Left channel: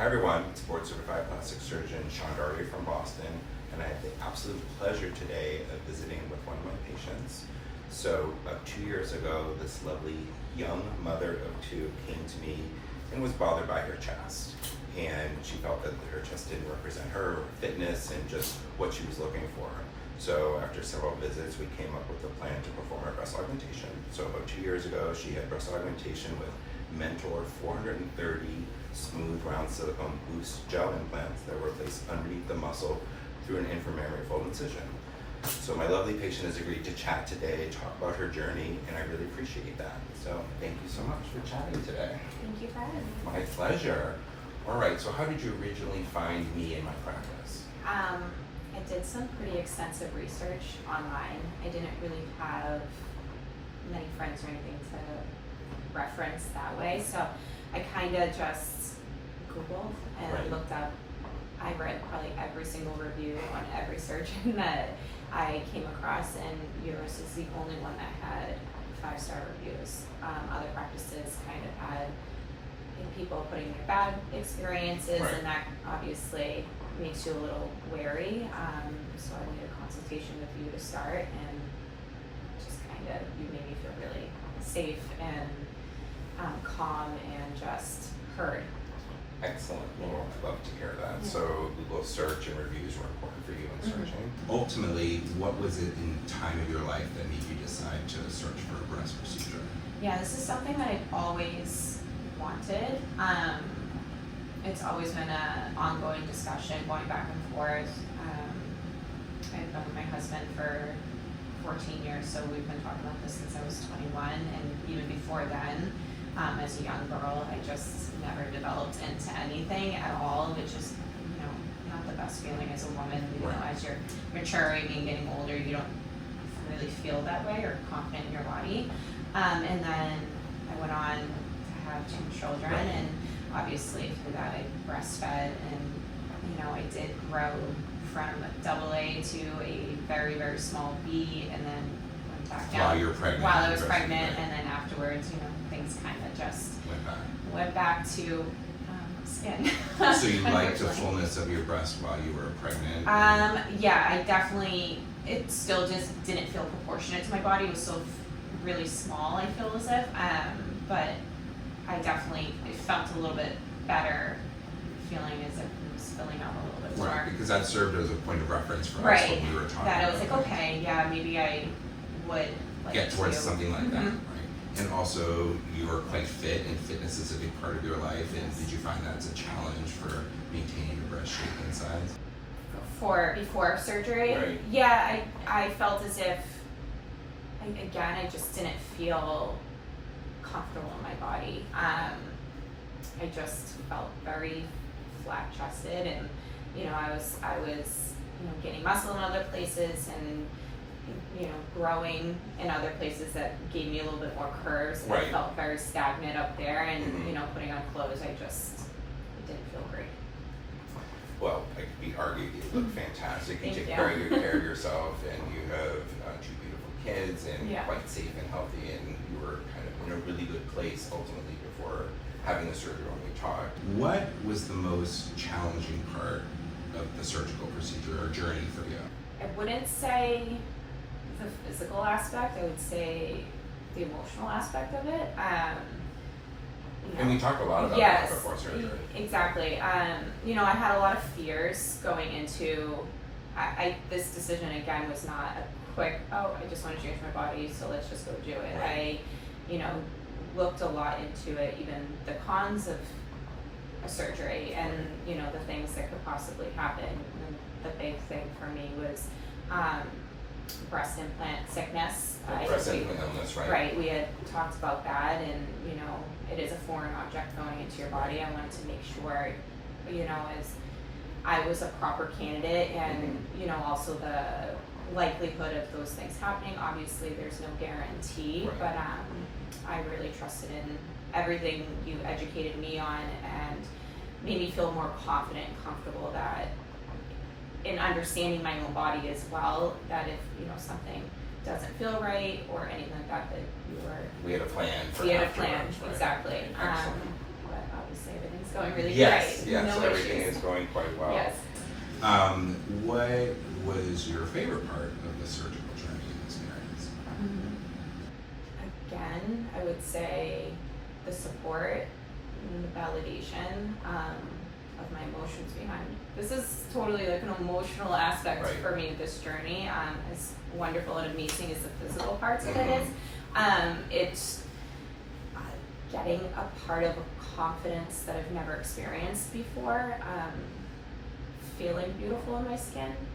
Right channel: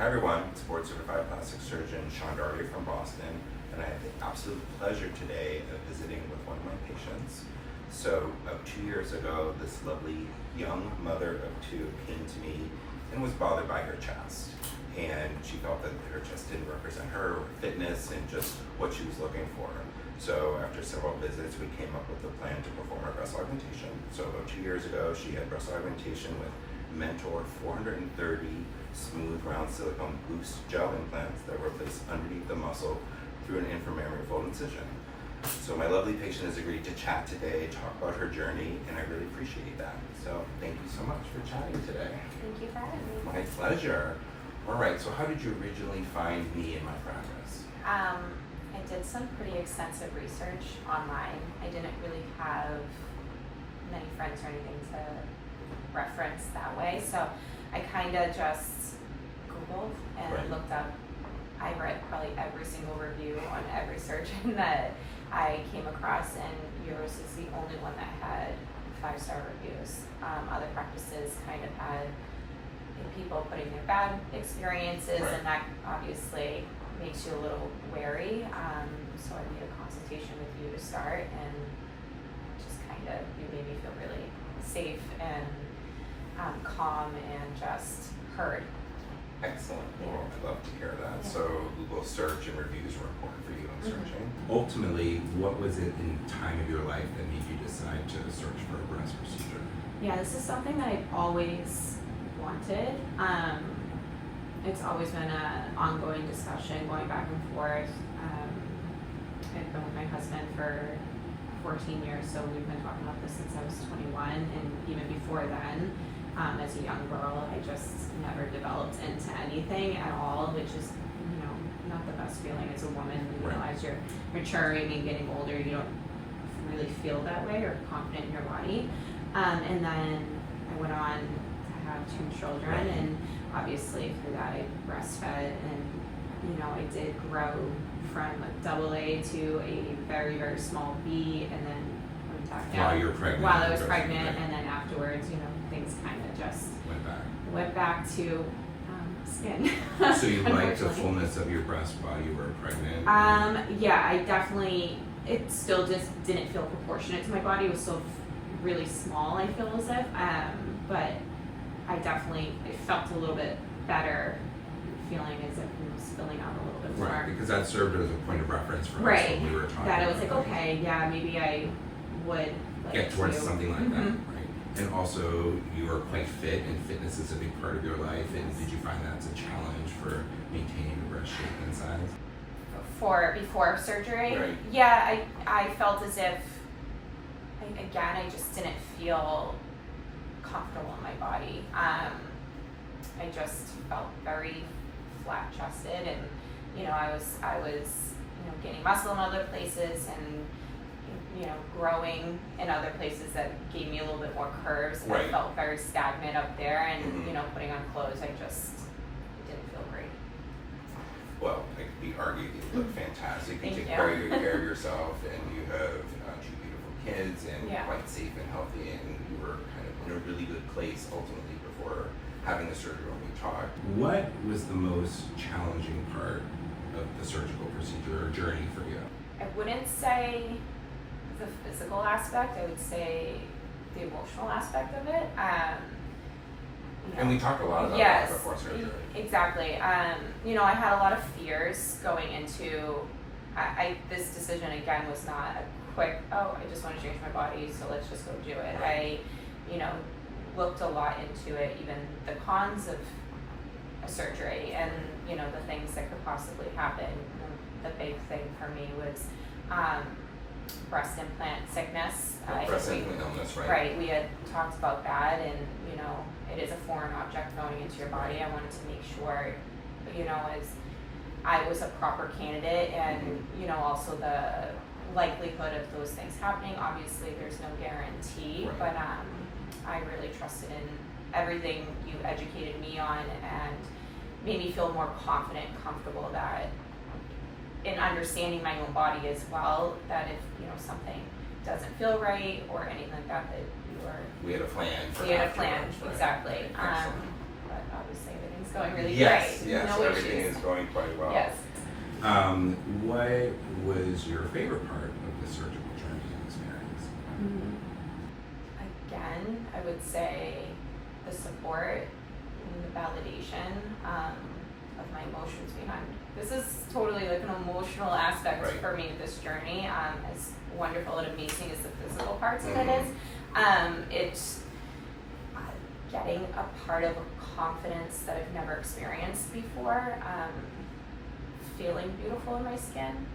Hi everyone, it's board certified plastic surgeon Sean Doherty from Boston, and I have the absolute pleasure today of visiting with one of my patients. So about 2 years ago, this lovely young mother of two came to me and was bothered by her chest. And she felt that her chest didn't represent her fitness and just what she was looking for. So after several visits, we came up with a plan to perform a breast augmentation. So about 2 years ago, she had breast augmentation with Mentor 430 smooth round silicone boost gel implants that were placed underneath the muscle through an inframammary fold incision. So my lovely patient has agreed to chat today, talk about her journey, and I really appreciate that. So thank you so much for chatting today. Thank you for having me. My pleasure. All right, so how did you originally find me in my practice? I did some pretty extensive research online. I didn't really have many friends or anything to reference that way, so I kind of just Googled and looked up. I read probably every single review on every surgeon that I came across, and yours is the only one that had 5-star reviews. Other practices kind of had people putting their bad experiences, and that obviously makes you a little wary. So I made a consultation with you to start, and just kind of, you made me feel really safe and calm and just heard. Excellent. Well, I'd love to hear that. So Google search and reviews were important for you in searching. Ultimately, what was it in time of your life that made you decide to search for a breast procedure? Yeah, this is something that I've always wanted. It's always been an ongoing discussion, going back and forth. I've been with my husband for 14 years, so we've been talking about this since I was 21, and even before then, as a young girl, I just never developed into anything at all, which is, not the best feeling as a woman. As you're maturing and getting older, you don't really feel that way or confident in your body. And then I went on to have 2 children, and obviously through that I breastfed, and I did grow from a AA to a very, very small B, and then went back down while you were pregnant. While I was pregnant, and then afterwards, things kind of just went back to skin. So you liked the fullness of your breast while you were pregnant? Yeah, I definitely. It still just didn't feel proportionate to my body. It was still really small, I feel as if, but I felt a little bit better, feeling as if it was filling out a little bit more. Right, because that served as a point of reference for us when we were talking. That I was like, okay, yeah, maybe I would like get towards something like that, right? And also, you are quite fit, and fitness is a big part of your life. And did you find that as a challenge for maintaining your breast shape and size? Before surgery? Right. Yeah, I felt as if, again, I just didn't feel comfortable in my body. I just felt very flat-chested, and I was gaining muscle in other places, and growing in other places that gave me a little bit more curves, and I felt very stagnant up there, and putting on clothes, I just didn't feel great. Well, it could be argued that you look fantastic. You take you. very good care of yourself, and you have 2 beautiful kids, and quite safe and healthy, and you were kind of in a really good place ultimately before having the surgery when we talked. What was the most challenging part of the surgical procedure or journey for you? I wouldn't say the physical aspect, I would say the emotional aspect of it. And we talked a lot about that before surgery. Exactly. I had a lot of fears going into this decision. Again, was not a quick, I just want to change my body, so let's just go do it. I looked a lot into it, even the cons of a surgery, and the things that could possibly happen. The big thing for me was breast implant sickness. Breast implant illness, right? Right. We had talked about that, and it is a foreign object going into your body. I wanted to make sure, as I was a proper candidate, and also the likelihood of those things happening. Obviously, there's no guarantee, but I really trusted in everything you educated me on, and made me feel more confident and comfortable that in understanding my own body as well, that if something doesn't feel right or anything like that, that you are. We had a plan for. We had a plan, right? exactly. Excellent. But obviously everything's everything's going really yes, great. Yes, No everything issues. is going quite well. Yes. What was your favorite part of the surgical journey and experience? Again, I would say the support and the validation of my emotions behind. This is totally like an emotional aspect Right. for me, this journey. As wonderful and amazing as the physical parts of it Mhm. is, it's getting a part of a confidence that I've never experienced before, feeling beautiful in my skin,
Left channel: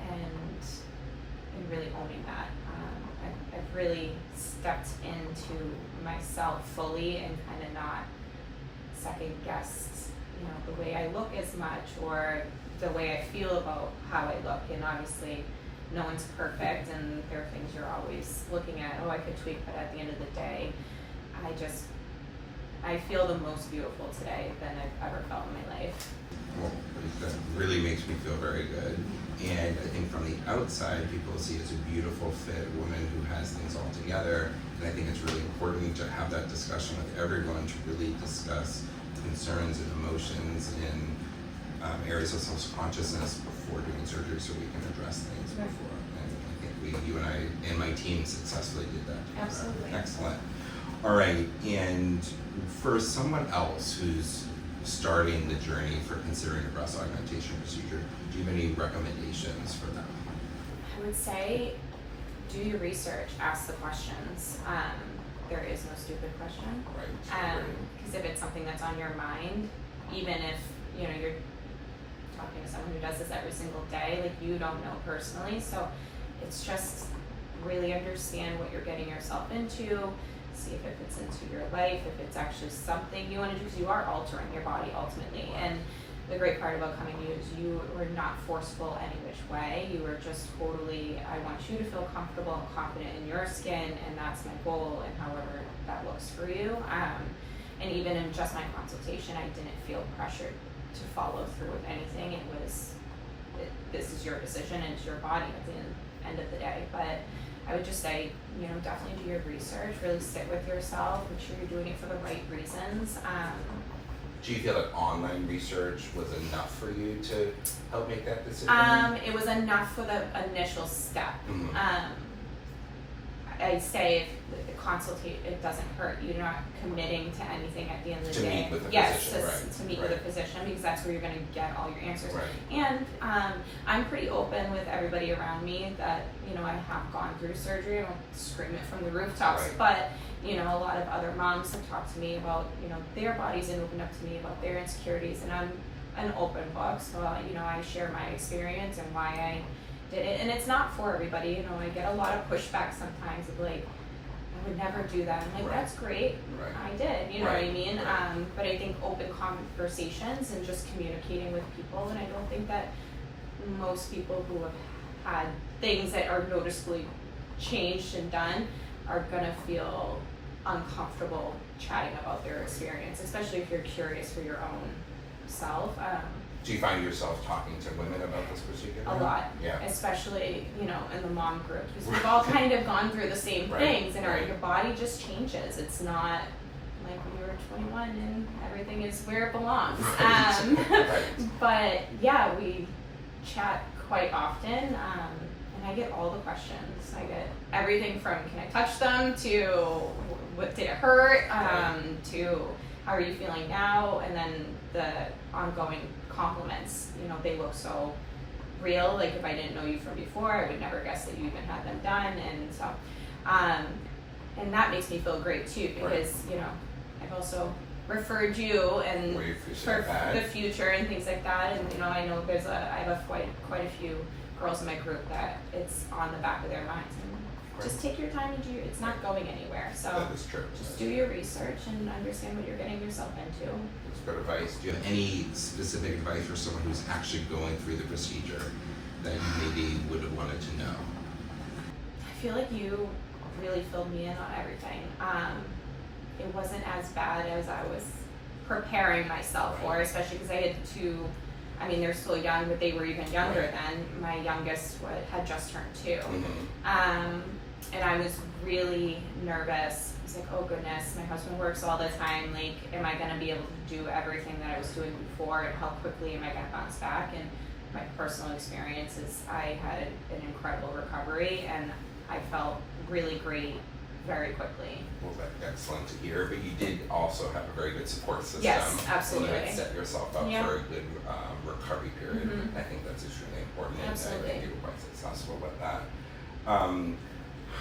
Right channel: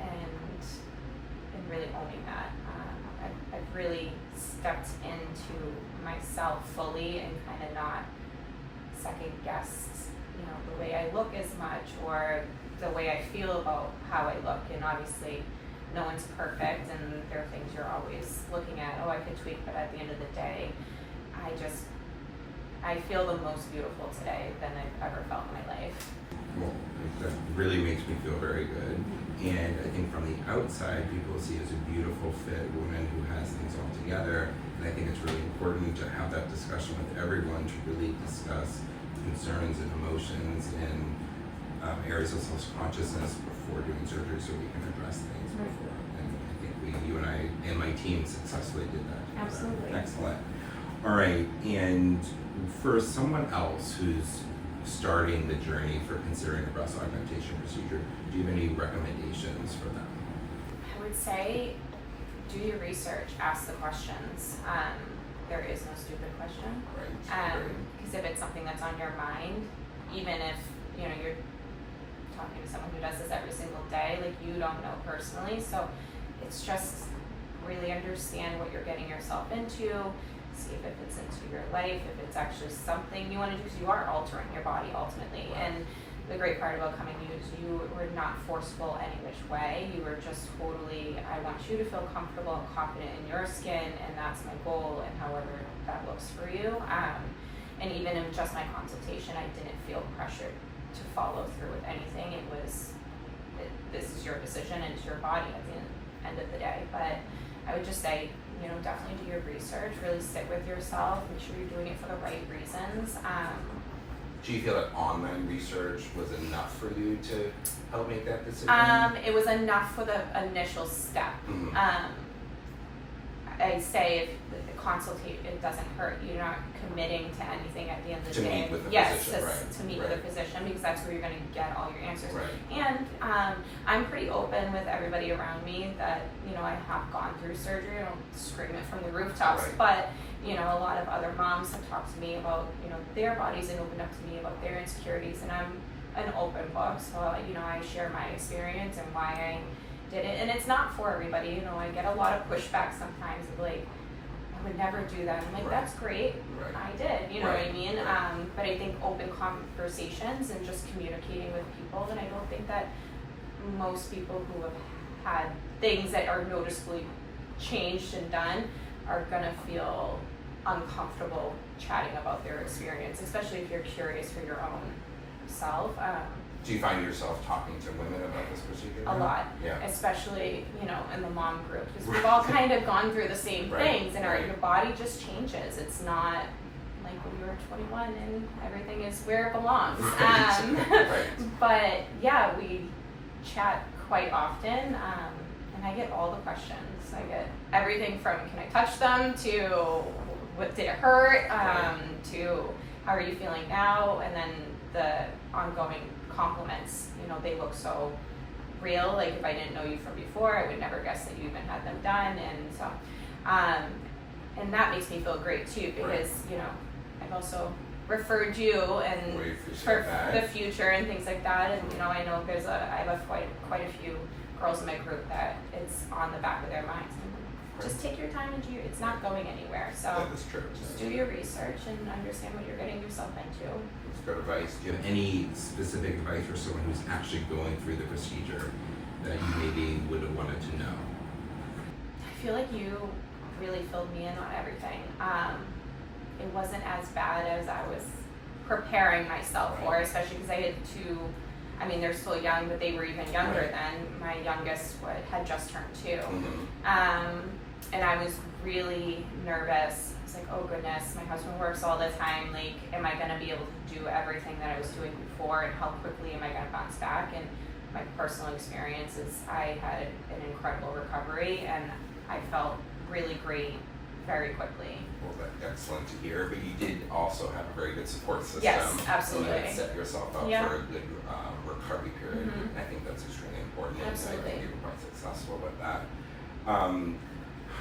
and really owning that. I've really stepped into myself fully and kind of not second guessed, the way I look as much or the way I feel about how I look. And obviously, no one's perfect, and there are things you're always looking at. Oh, I could tweak, but at the end of the day, I feel the most beautiful today than I've ever felt in my life. Well, that really makes me feel very good. And I think from the outside, people see as a beautiful, fit woman who has things all together. And I think it's really important to have that discussion with everyone to really discuss concerns and emotions and areas of self-consciousness before doing surgery, so we can address things before. And I think you and I and my team successfully did that. Absolutely. Excellent. All right, and for someone else who's starting the journey for considering a breast augmentation procedure, do you have any recommendations for them? I would say do your research, ask the questions. There is no stupid question. Right. Because if it's something that's on your mind, even if you're talking to someone who does this every single day, like you don't know personally, so it's just really understand what you're getting yourself into. See if it fits into your life, if it's actually something you want to do, because you are altering your body ultimately. Right. And the great part about coming to you is you were not forceful any which way. You were just totally, I want you to feel comfortable and confident in your skin, and that's my goal, and however that looks for you. And even in just my consultation, I didn't feel pressured to follow through with anything. It was, this is your decision and it's your body at the end of the day. But I would just say, definitely do your research, really sit with yourself, make sure you're doing it for the right reasons. Do you feel like online research was enough for you to help make that decision? It was enough for the initial step. Mhm. I'd say if the consultation, it doesn't hurt. You're not committing to anything at the end of the To day. meet with a yes, physician, right, to meet right. with a physician, because that's where you're going to get all your answers. Right. And I'm pretty open with everybody around me that I have gone through surgery. I don't scream it from the rooftops, Right. but a lot of other moms have talked to me about their bodies and opened up to me about their insecurities, and I'm an open book, so I share my experience and why I did it. And it's not for everybody. I get a lot of pushback sometimes of like, I would never do that. I'm like, Right. that's great. Right. I did, you know Right. what I mean? Right. But I think open conversations and just communicating with people, and I don't think that most people who have had things that are noticeably changed and done are gonna feel uncomfortable chatting about their experience, especially if you're curious for your own self. Do you find yourself talking to women about this procedure? A lot, Yeah. especially in the mom group, because we've all kind of gone through the same Right, things, and right. your body just changes. It's not like when you were 21 and everything is where it belongs. Right. But yeah, we chat quite often, and I get all the questions. I get everything from can I touch them to what did it hurt, to how are you feeling now, and then the ongoing compliments. They look so real. Like if I didn't know you from before, I would never guess that you even had them done, and so and that makes me feel great too, because I've also referred you and We appreciate for that. the future and things like that. And I know I have quite a few girls in my group that it's on the back of their minds. And just take your time and it's not going anywhere. So That is true. just do your research and understand what you're getting yourself into. That's good advice. Do you have any specific advice for someone who's actually going through the procedure that you maybe would have wanted to know? I feel like you really filled me in on everything. It wasn't as bad as I was preparing myself for, especially because I had two. I mean, they're still young, but they were even younger then. My youngest had just turned 2. Mm-hmm. And I was really nervous. I was like, oh goodness, my husband works all the time. Like, am I gonna be able to do everything that I was doing before, and how quickly am I gonna bounce back? And my personal experience is I had an incredible recovery, and I felt really great very quickly. Well, that's excellent to hear, but you did also have a very good support system. Yes, absolutely. And set yourself up Yeah. for a good recovery period. Mhm. I think that's extremely important, and I Absolutely. think you were quite successful with that.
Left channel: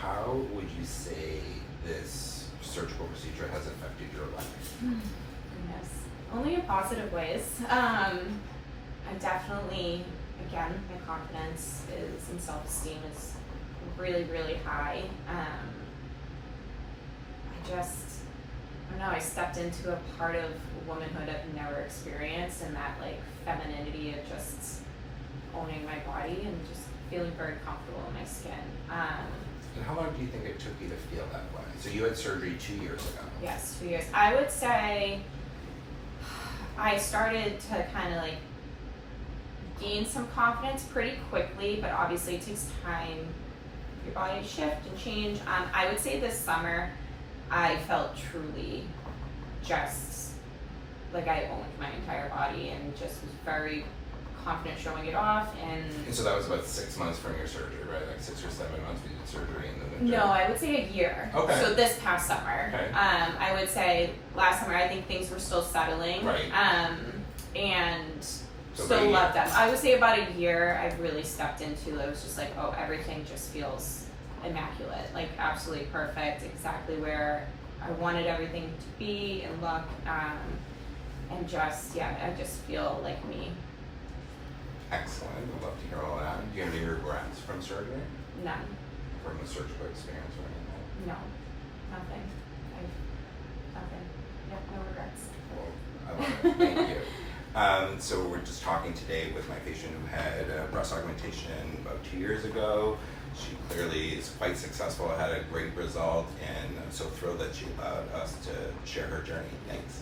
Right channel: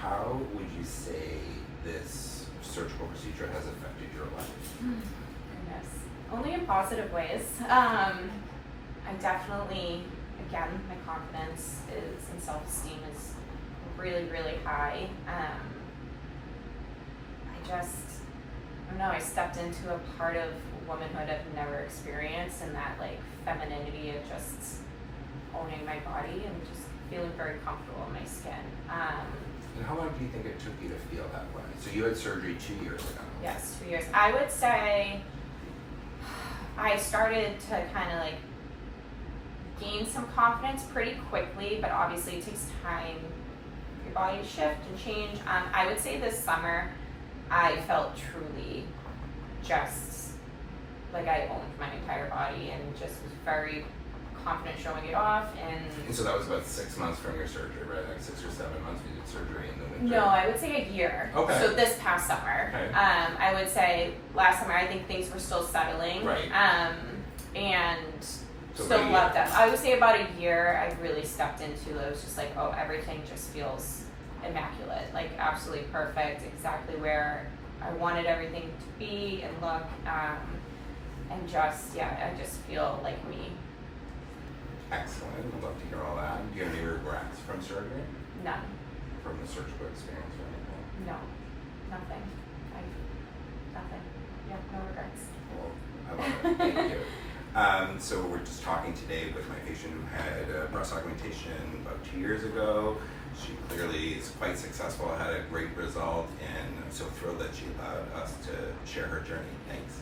How would you say this surgical procedure has affected your life? Goodness. Only in positive ways. I definitely, again, my confidence is and self-esteem is really, really high. I don't know, I stepped into a part of womanhood I've never experienced, and that like femininity of just owning my body and just feeling very comfortable in my skin. And how long do you think it took you to feel that way? So you had surgery 2 years ago. Yes, 2 years. I would say I started to kind of like gain some confidence pretty quickly, but obviously it takes time for your body to shift and change. I would say this summer I felt truly just like I owned my entire body and just was very confident showing it off. And so that was about 6 months from your surgery, right? Like 6 or 7 months when you did surgery in the winter? No, I would say a year. Okay. So this past summer. Okay. I would say last summer I think things were still settling. Right. And So still maybe- loved them. I would say about a year I really stepped into it. It was just like, oh, everything just feels immaculate. Like absolutely perfect, exactly where I wanted everything to be and look. And just, yeah, I just feel like me. Excellent. I'd love to hear all that. Do you have any regrets from surgery? None. From the surgical experience or anything? No. Nothing. Nothing. Yeah, no regrets. Well, I love it. Thank you. So we're just talking today with my patient who had breast augmentation about 2 years ago. She clearly is quite successful, had a great result, and I'm so thrilled that she allowed us to share her journey. Thanks.